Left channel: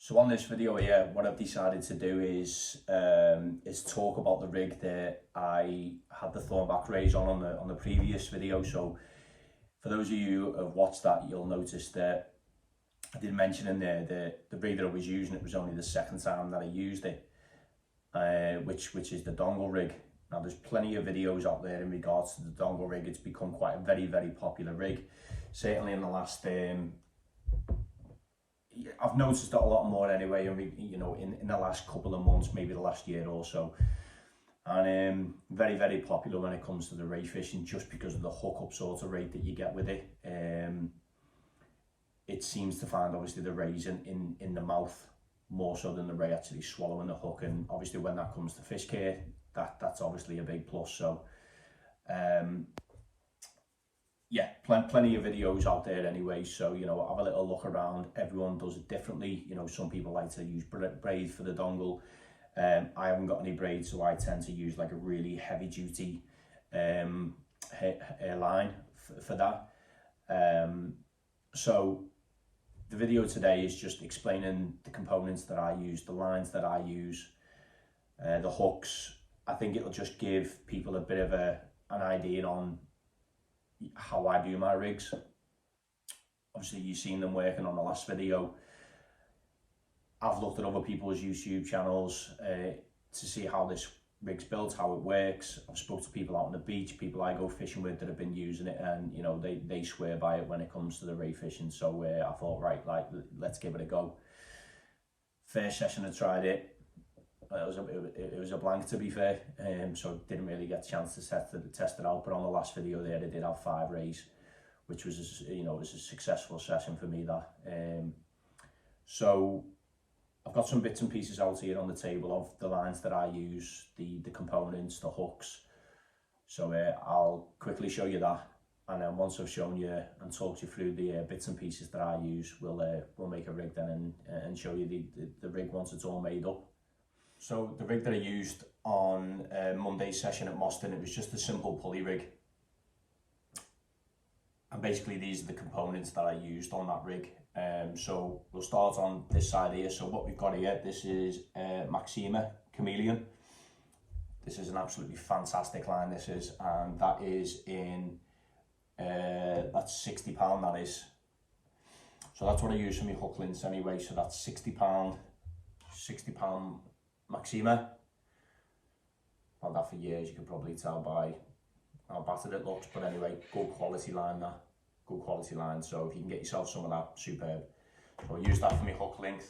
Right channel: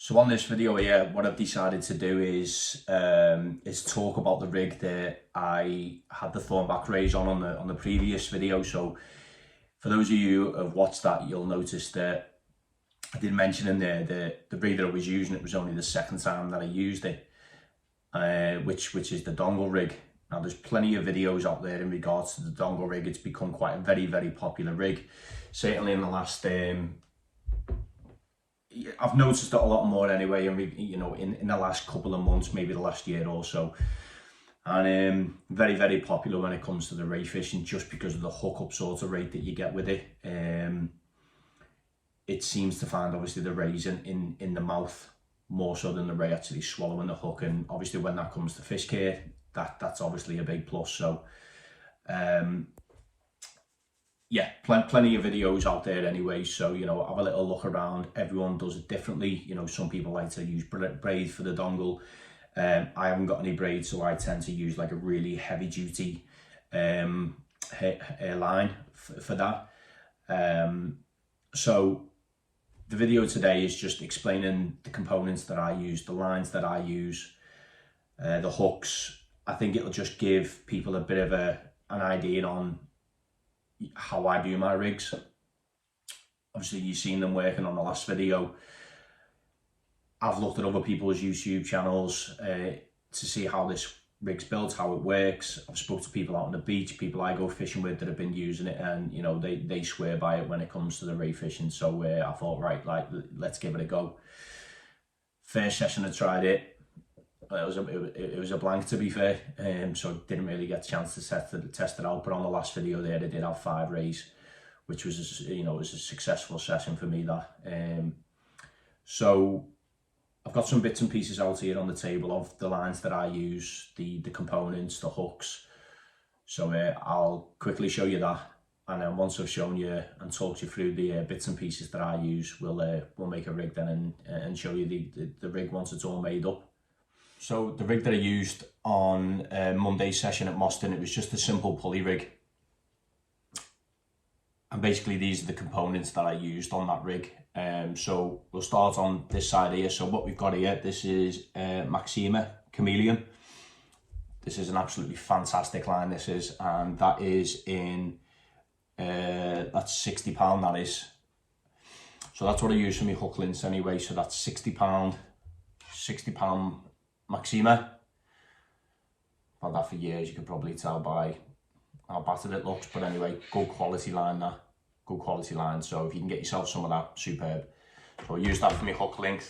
So on this video here, what I've decided to do is talk about the rig that I had the thornback raise on the previous video. So for those of you who have watched that, you'll notice that I did mention in there that the rig that I was using, it was only the second time that I used it, which is the dongle rig. Now there's plenty of videos out there in regards to the dongle rig. It's become quite a very popular rig, certainly in the last I've noticed it a lot more anyway, in the last couple of months, maybe the last year or so. And very popular when it comes to the ray fishing, just because of the hookup sort of rate that you get with it. It seems to find obviously the rays in the mouth more so than the ray actually swallowing the hook, and obviously when that comes to fish care, that's obviously a big plus. So yeah, plenty of videos out there anyway, so have a little look around. Everyone does it differently. Some people like to use braid for the dongle. I haven't got any braid, so I tend to use like a really heavy duty line for that. So the video today is just explaining the components that I use, the lines that I use, the hooks. I think it'll just give people a bit of an idea on how I do my rigs. Obviously you've seen them working on the last video. I've looked at other people's YouTube channels to see how this rig's built, how it works. I've spoke to people out on the beach, people I go fishing with that have been using it, and they swear by it when it comes to the ray fishing. So I thought, right, let's give it a go. First session I tried it, it was a blank, to be fair, so I didn't really get a chance to test it out. But on the last video there, I did have 5 rays, which was it was a successful session for me. So I've got some bits and pieces out here on the table of the lines that I use, the components, the hooks. So I'll quickly show you that, and then once I've shown you and talked you through the bits and pieces that I use, we'll make a rig then and show you the rig once it's all made up. So the rig that I used on Monday's session at Moston, it was just a simple pulley rig. And basically these are the components that I used on that rig. So we'll start on this side here. So what we've got here, this is Maxima Chameleon. This is an absolutely fantastic line, this is, and that is in, that's £60, that is. So that's what I use for my hook links anyway. So that's £60 Maxima. I've had that for years, you could probably tell by how battered it looks, but anyway, good quality line, that. Good quality line, so if you can get yourself some of that, superb. So I use that for my hook link.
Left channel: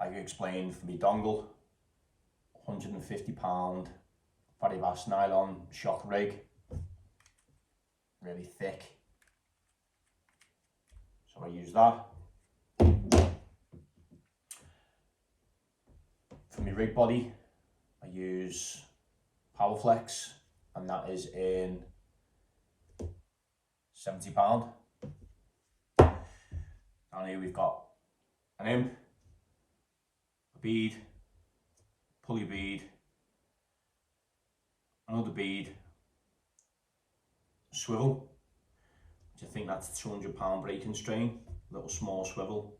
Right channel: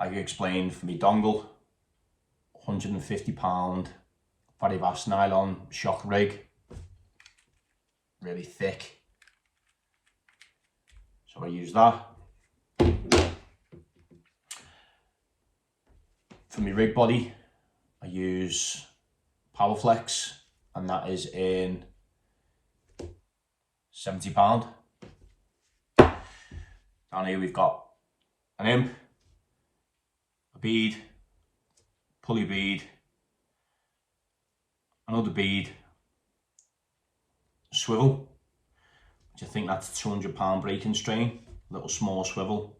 I explained for my dongle, £150 Varivas nylon shock rig, really thick. So I use that. For my rig body, I use Powerflex, and that is in £70. Down here we've got an imp, a bead, pulley bead, another bead, swivel, which I think that's a £200 breaking strain, little small swivel.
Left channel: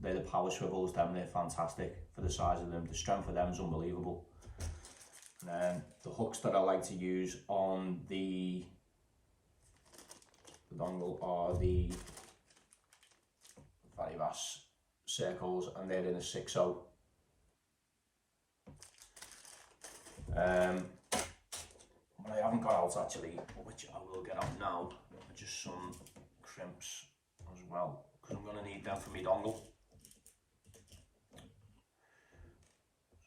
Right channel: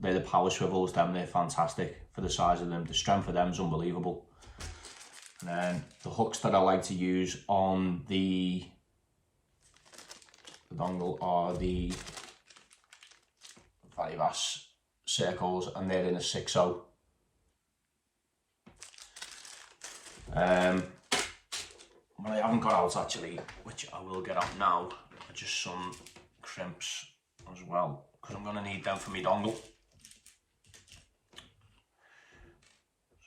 They're the power swivels, they're fantastic for the size of them. The strength of them is unbelievable. And then the hooks that I like to use on the dongle are the Varivas circles, and they're in a 6/0. What I haven't got out actually, which I will get out now, are just some crimps as well, because I'm going to need them for my dongle.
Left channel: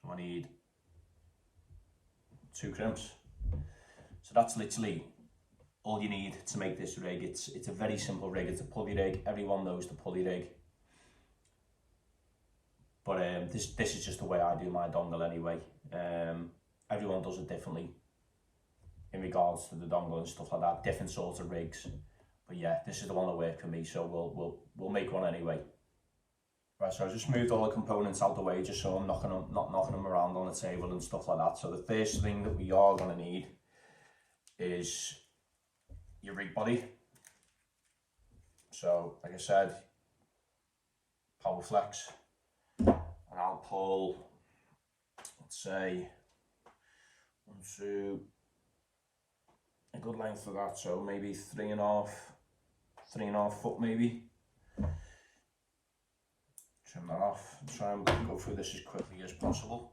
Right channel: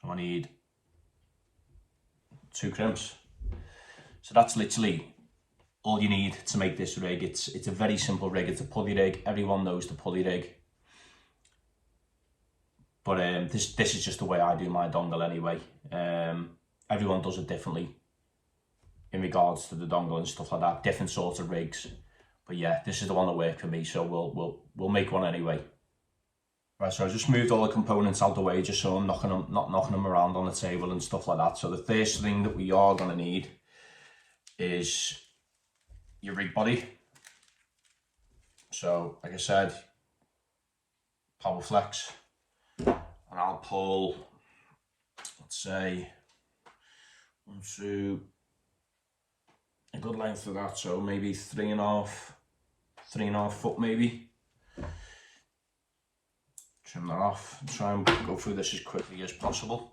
So I need 2 crimps. So that's literally all you need to make this rig. It's a very simple rig. It's a pulley rig. Everyone knows the pulley rig. But this is just the way I do my dongle anyway. Everyone does it differently in regards to the dongle and stuff like that. Different sorts of rigs. But yeah, this is the one that worked for me. So we'll make one anyway. Right, so I just moved all the components out the way just so I'm not knocking them around on the table and stuff like that. So the first thing that we are going to need is your rig body. So like I said, power flex, and I'll pull, let's say, onto a good length of that, so maybe 3.5 foot maybe. Trim that off, try and go through this as quickly as possible.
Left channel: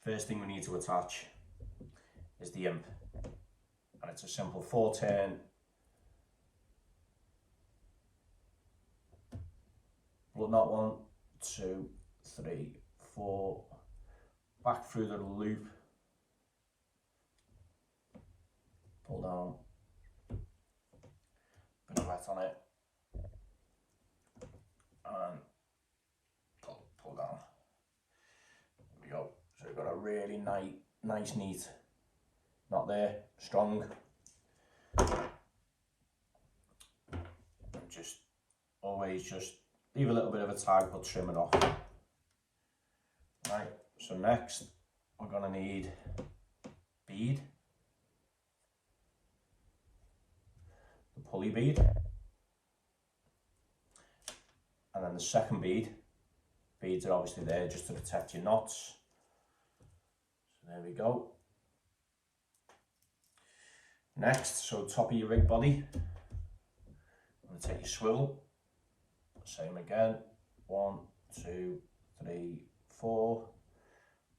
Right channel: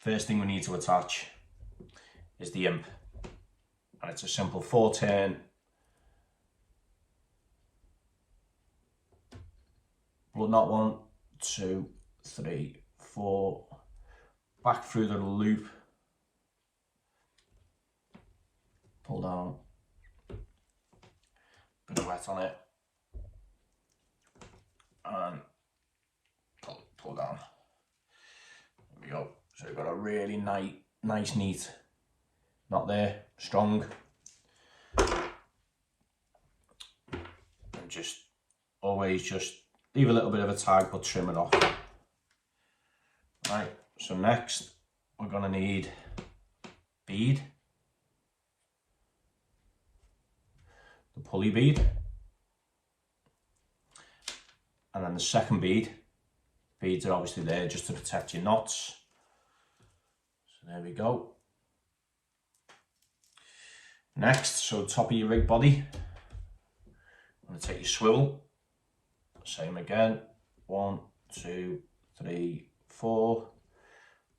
First thing we need to attach is the imp, and it's a simple 4-turn blood knot. 1, 2, 3, 4, back through the loop, pull down, bit of wet on it, and pull down. There we go. So we've got a really nice neat knot there, strong. And just always just leave a little bit of a tag but trim it off. Right, so next we're gonna need bead, the pulley bead, and then the second bead. Beads are obviously there just to protect your knots. So there we go. Next, so top of your rig body, I'm going to take your swivel, same again, 1, 2, 3, 4,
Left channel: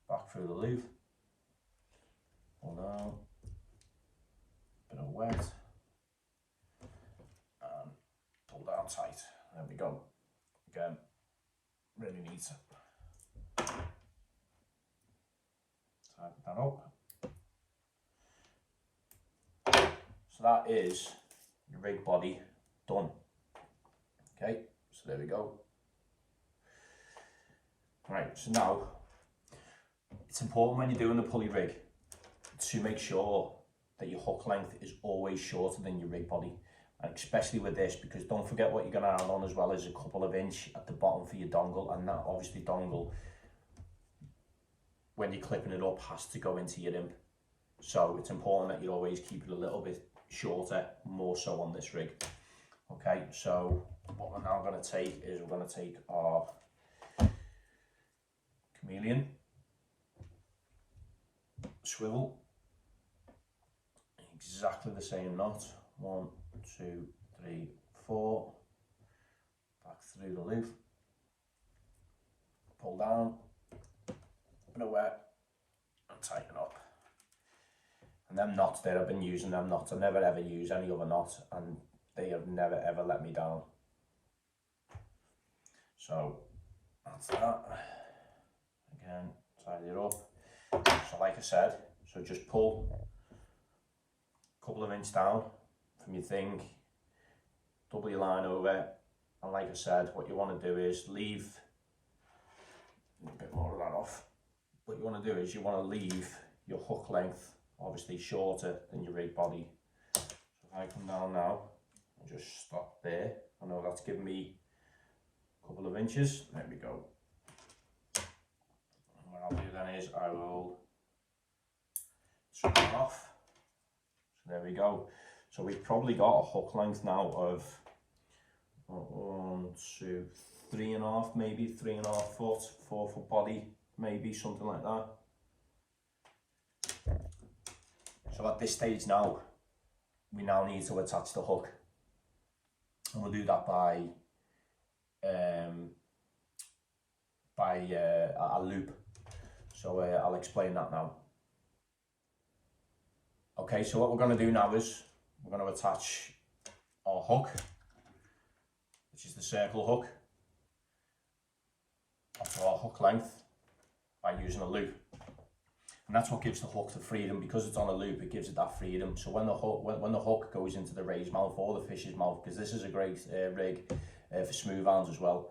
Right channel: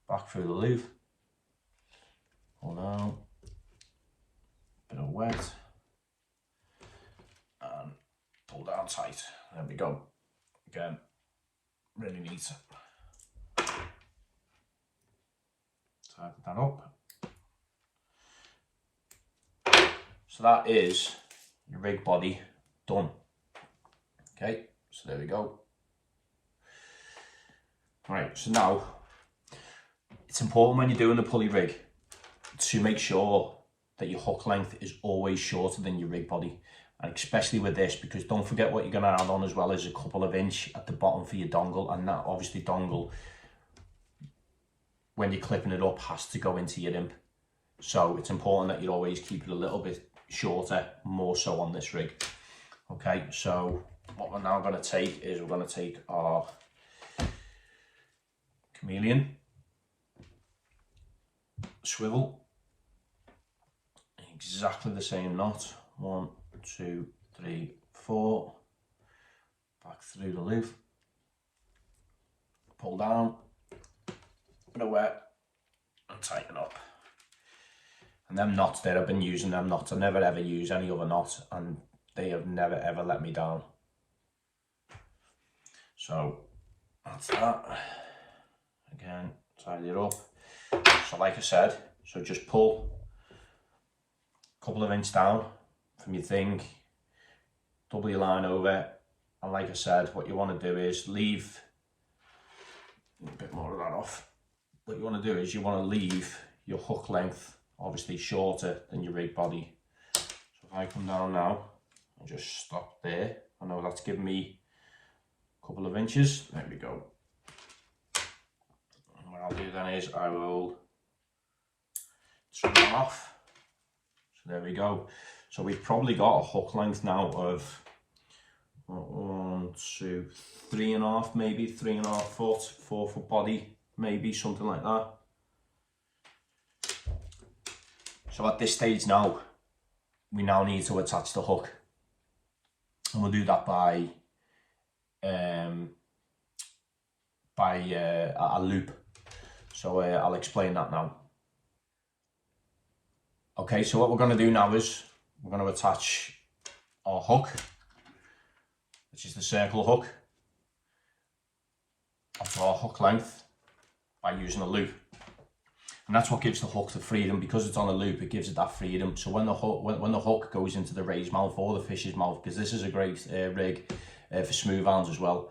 back through the loop, pull down, bit of wet, and pull down tight. There we go. Again, really neat. Tighten that up. So that is your rig body done. Okay, so there we go. Right, so now it's important when you're doing the pulley rig to make sure that your hook length is always shorter than your rig body, and especially with this, because don't forget what you're going to add on as well as a couple of inch at the bottom for your dongle, and that obviously dongle, when you're clipping it up, has to go into your imp. So it's important that you always keep it a little bit shorter, more so on this rig. Okay, so what we're now going to take is we're going to take our chameleon, swivel, exactly the same knot, 1, 2, 3, 4, back through the loop, pull down, bit of wet, and tighten up. And them knots there, I've been using them knots. I never ever use any other knot, and they have never ever let me down. So that's that. Again, tidy it up. So like I said, so just pull a couple of inches down from your thing, double your line over, and like I said, what you want to do is leave a bit more of that off. What you want to do is you want to leave your hook length obviously shorter than your rig body. So if I come down now and just stop there, I know that's given me a couple of inches. There we go. And what I'll do then is I will trim that off. So there we go. So we've probably got a hook length now of 1, 2, 3.5, maybe 3.5 foot, 4 foot body, maybe something like that. So at this stage now, we now need to attach the hook, and we'll do that by a loop. So I'll explain that now. Okay, so what we're going to do now is we're going to attach our hook, which is the circle hook, onto our hook length by using a loop. And that's what gives the hook the freedom. Because it's on a loop, it gives it that freedom. So when the hook goes into the ray's mouth or the fish's mouth, because this is a great rig for smooth hounds as well,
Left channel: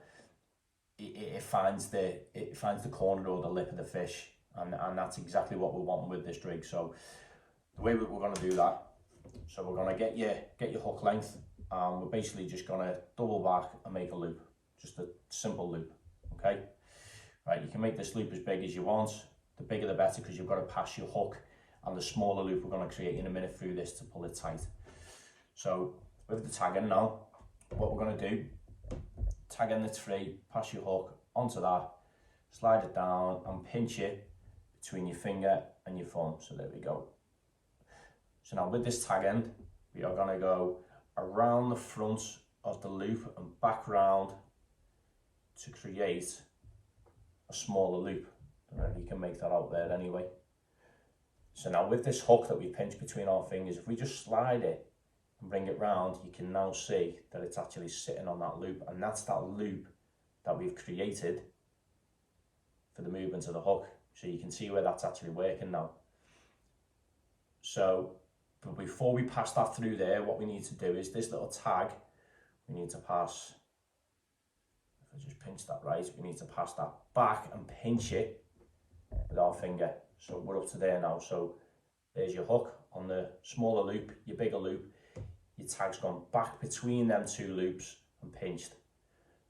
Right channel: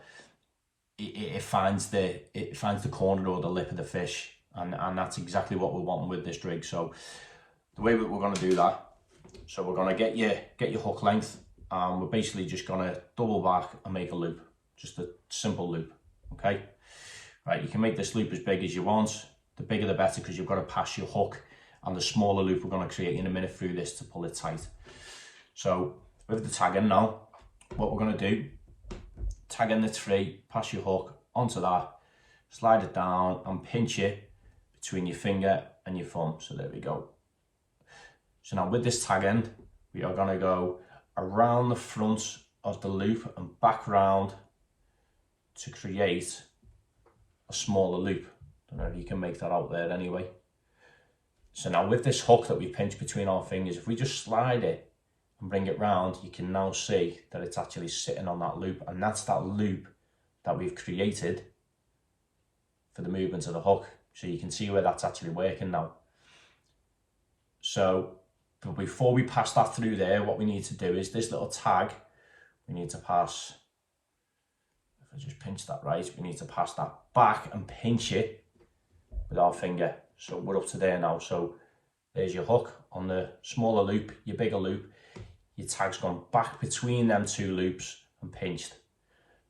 it finds the corner or the lip of the fish, and that's exactly what we're wanting with this rig. So the way that we're going to do that, so we're going to get your hook length, and we're basically just going to double back and make a loop, just a simple loop. Okay, right, you can make this loop as big as you want. The bigger the better, because you've got to pass your hook, and the smaller loop we're going to create in a minute through this to pull it tight. So with the tag in now, what we're going to do, tag end that's free, pass your hook onto that, slide it down and pinch it between your finger and your thumb. So there we go. So now with this tag end, we are going to go around the front of the loop and back round to create a smaller loop. I don't know if you can make that out there anyway. So now with this hook that we pinch between our fingers, if we just slide it and bring it round, you can now see that it's actually sitting on that loop, and that's that loop that we've created for the movement of the hook. So you can see where that's actually working now. So but before we pass that through there, what we need to do is this little tag, we need to pass, if I just pinch that right, we need to pass that back and pinch it with our finger. So we're up to there now. So there's your hook on the smaller loop, your bigger loop, your tag's gone back between them two loops and pinched.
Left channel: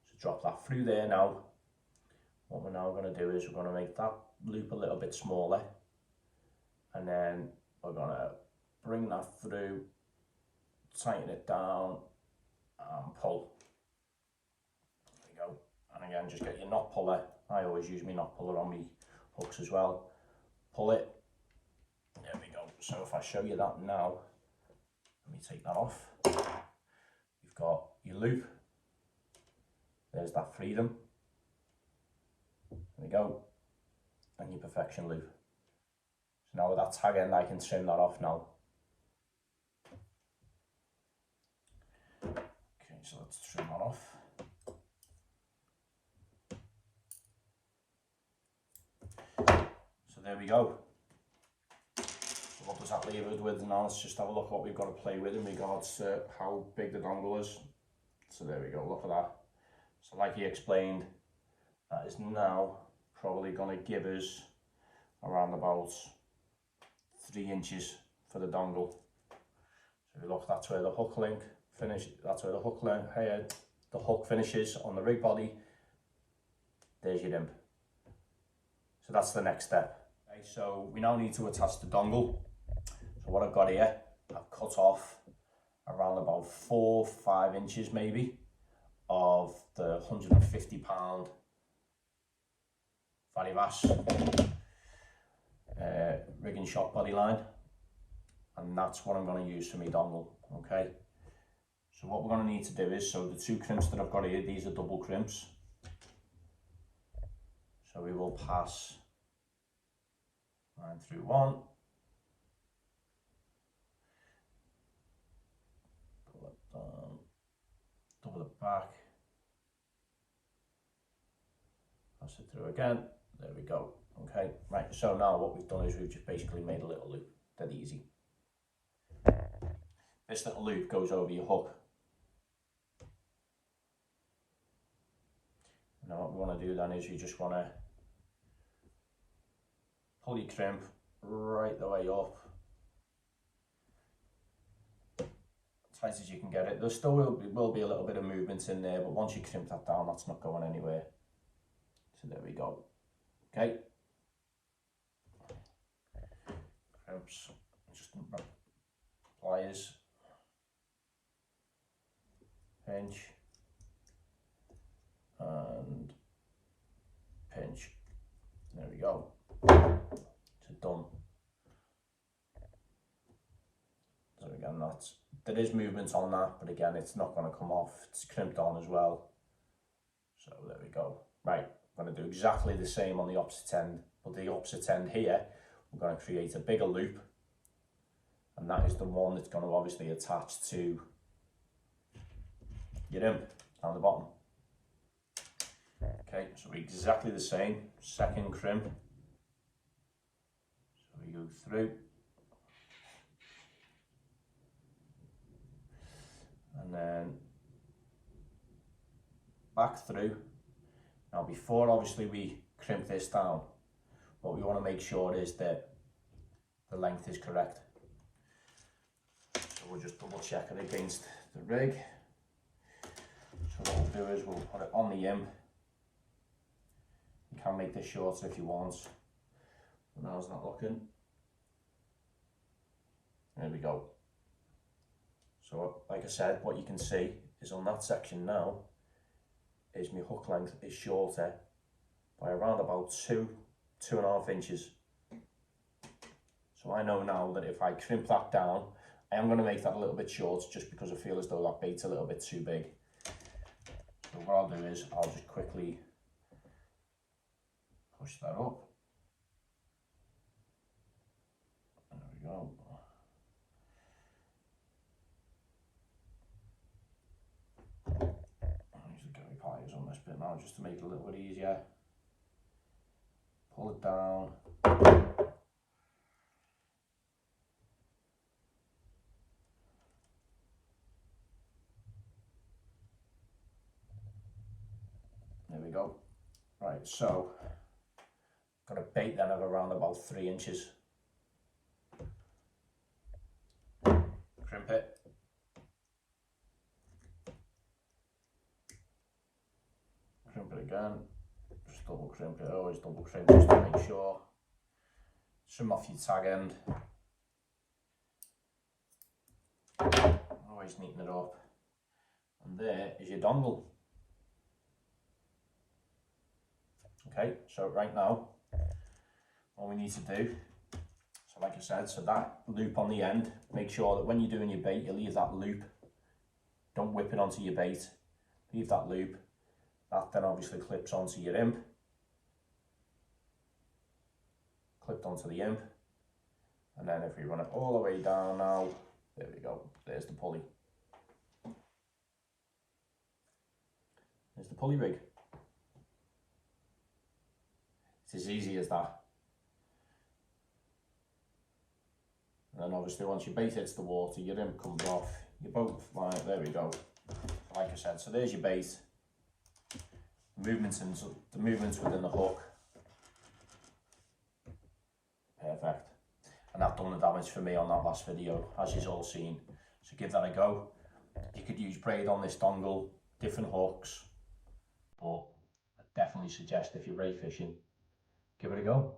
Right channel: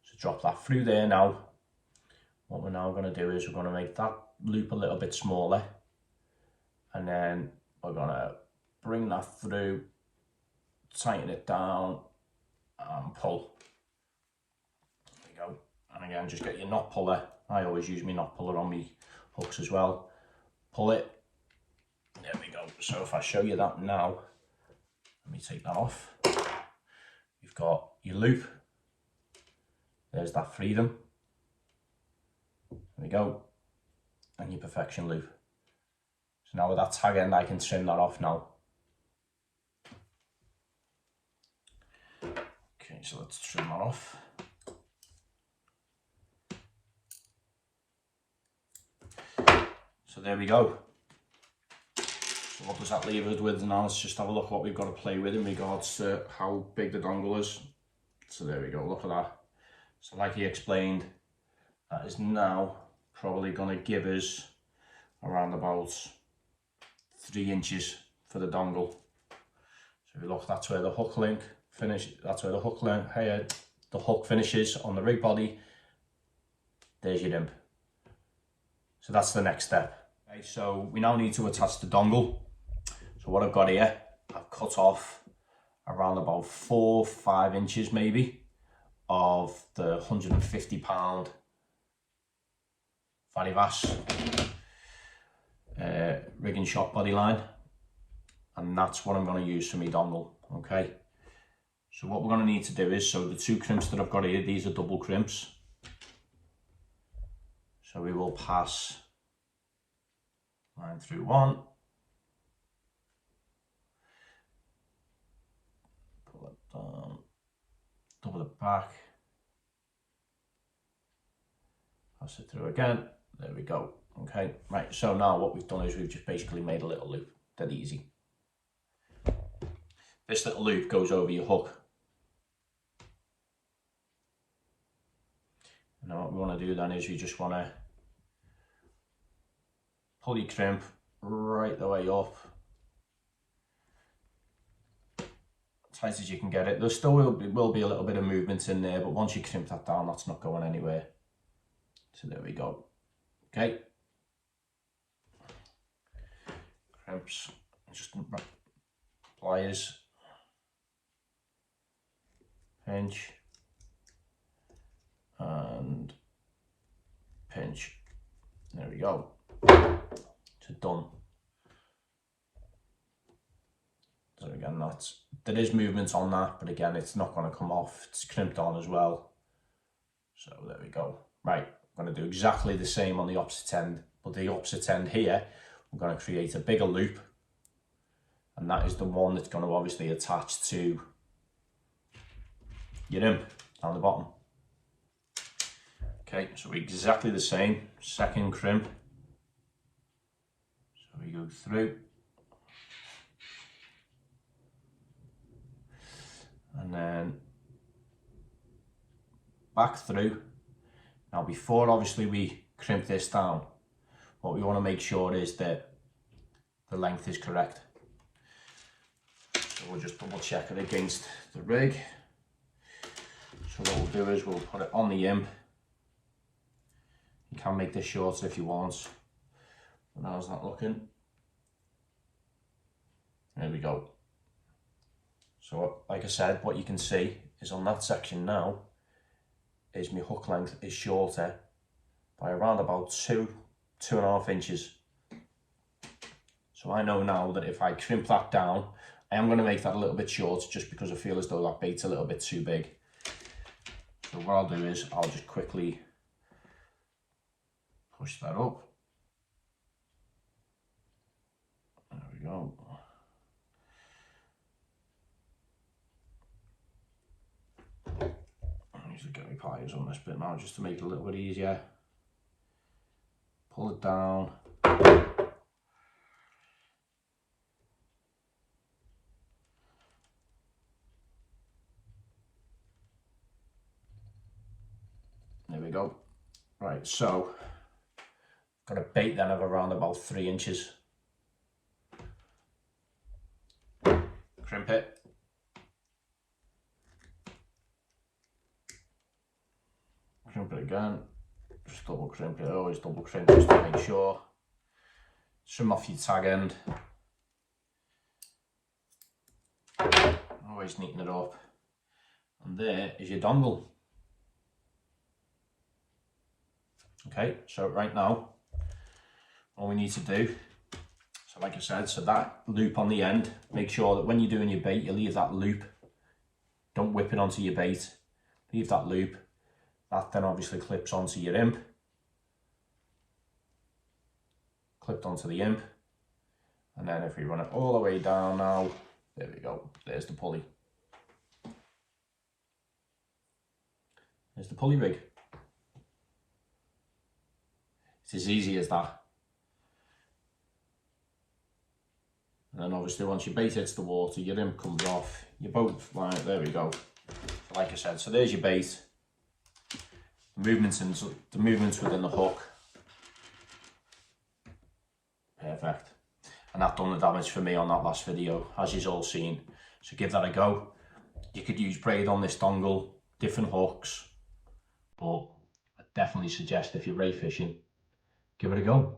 So drop that through there now. What we're now going to do is we're going to make that loop a little bit smaller, and then we're going to bring that through, tighten it down and pull. There we go. And again, just get your knot puller. I always use my knot puller on my hooks as well. Pull it. There we go. So if I show you that now, let me take that off. You've got your loop. There's that freedom. There we go. And your perfection loop. So now with that tag end, I can trim that off now. Okay, so let's trim that off. So there we go. So what does that leave us with now? Let's just have a look what we've got to play with in regards to how big the dongle is. So there we go, look at that. So like he explained, that is now probably going to give us around about 3 inches for the dongle. So if you look, that's where the hook link finish. That's where the hook link here, the hook finishes on the rig body. There's your imp. So that's the next step. Okay, so we now need to attach the dongle. So what I've got here, I've cut off around about 4-5 inches maybe of the 150-pound Varivas rig and shock body line, and that's what I'm going to use for my dongle. Okay, so what we're going to need to do is, so the 2 crimps that I've got here, these are double crimps, so we will pass line through one, pull it down, double it back, pass it through again. There we go. Okay, right, so now what we've done is we've just basically made a little loop. Dead easy. This little loop goes over your hook. And now what we want to do then is we just want to pull your crimp right the way up, tight as you can get it. There still will be a little bit of movement in there, but once you crimp that down, that's not going anywhere. So there we go. Okay. Crimps, just pliers, pinch, and pinch. There we go. It's done. So again, there is movement on that, but again, it's not going to come off. It's crimped on as well. So there we go. Right, I'm going to do exactly the same on the opposite end, but the opposite end here, we're going to create a bigger loop, and that is the one that's going to obviously attach to your imp down the bottom. Okay, so exactly the same, second crimp. So we go through, and then back through. Now before obviously we crimp this down, what we want to make sure is that the length is correct. So we'll just double check it against the rig. So what we'll do is we'll put it on the imp. You can make this shorter if you want. But how's that looking? There we go. So like I said, what you can see is on that section now, is my hook length is shorter by around about 2.5 inches. So I know now that if I crimp that down, I am going to make that a little bit short just because I feel as though that bait's a little bit too big. So what I'll do is I'll just quickly push that up. There we go. I usually get my pliers on this bit now just to make it a little bit easier. Pull it down. There we go. Right, so got a bait then of around about 3 inches. Crimp it. Crimp it again. Just double crimp it, always double crimp just to make sure. Trim off your tag end. Always neaten it up. And there is your dongle. Okay, so right now, all we need to do, so like I said, so that loop on the end, make sure that when you're doing your bait, you leave that loop. Don't whip it onto your bait. Leave that loop. That then obviously clips onto your imp. Clipped onto the imp. And then if we run it all the way down now, there we go, there's the pulley. There's the pulley rig. It's as easy as that. And then obviously once your bait hits the water, your imp comes off, your boat, right, there we go. Like I said, so there's your bait. The movements within the hook. Perfect. And that done the damage for me on that last video, as you've all seen. So give that a go. You could use braid on this dongle, different hooks, but I definitely suggest if you're ray fishing, give it a go.